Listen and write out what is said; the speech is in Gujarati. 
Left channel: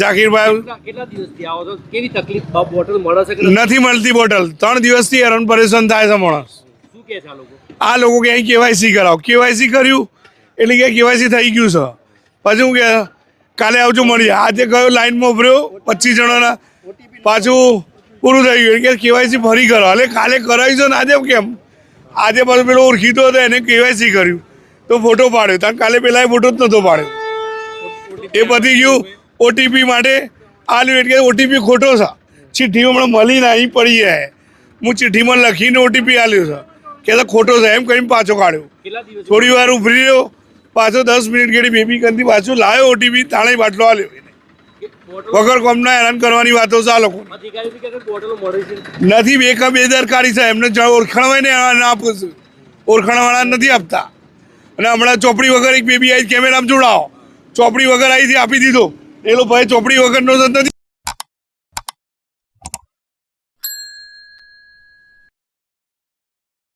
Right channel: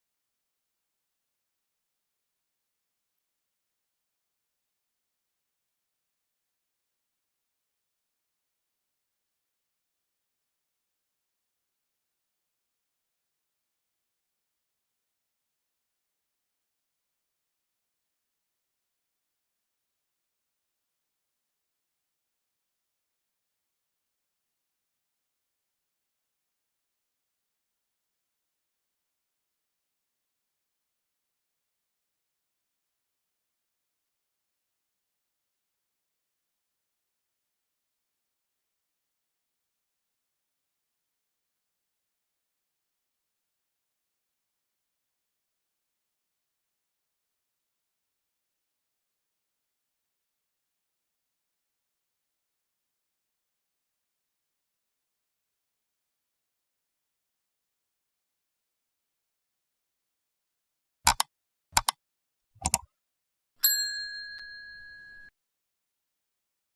જાકીરભાઈ કેટલા દિવસથી આવો છો? કેવી તકલીફ? બોટલ મળે છે કે નથી મળતી બોટલ. 3 દિવસથી હેરાન પરેશાન થાય છે માણસ. શું કહે છે આ લોકો? આ લોકો કે કેવાયસી કરાવો. કેવાયસી કર્યું એટલે કે કેવાયસી થઈ ગયું છે. પછી હું કે કાલે આવજો મળીએ. આજે ગયો લાઈનમાં ઉભર્યો 25 જણાના, પાછું પૂરું થઈ ગયું કે કેવાયસી ફરી કરો. એટલે કાલે કરાવી છે ને આજે કેમ? આજે પાછું પેલો ઓળખીતો હતો એને કેવાયસી કર્યું તો ફોટો પાડ્યો. ત્યાં કાલે પેલા ફોટો જ નહોતો પાડ્યો. એ પતી ગયું. ઓટીપી માટે આલ્યું એટલે ઓટીપી ખોટો છે. ચિઠ્ઠી હમણાં મળીને અહીં પડી જાય. હું ચિઠ્ઠીમાં લખીને ઓટીપી આલ્યો છે કે ખોટો છે એમ કરીને પાછો કાઢ્યો. થોડી વાર ઉભરી રહ્યો, પાછો 10 મિનિટ ગેડી બેબી કંદી પાછો લાવ્યો ઓટીપી, તાણે બાટલો આલ્યો. વગર કોમના હેરાન કરવાની વાતો છે આ લોકો. નથી બેદરકારી છે. એમને ઓળખાણ હોય ને ના આપું છું. ઓળખાણવાળા નથી આપતા. અને હમણાં ચોપડી વગર એક બેબી આવી કેમેરામાં જોડાવો, ચોપડી વગર આવી આપી દીધો. એ લોકો ભાઈ ચોપડી વગરનો નથી.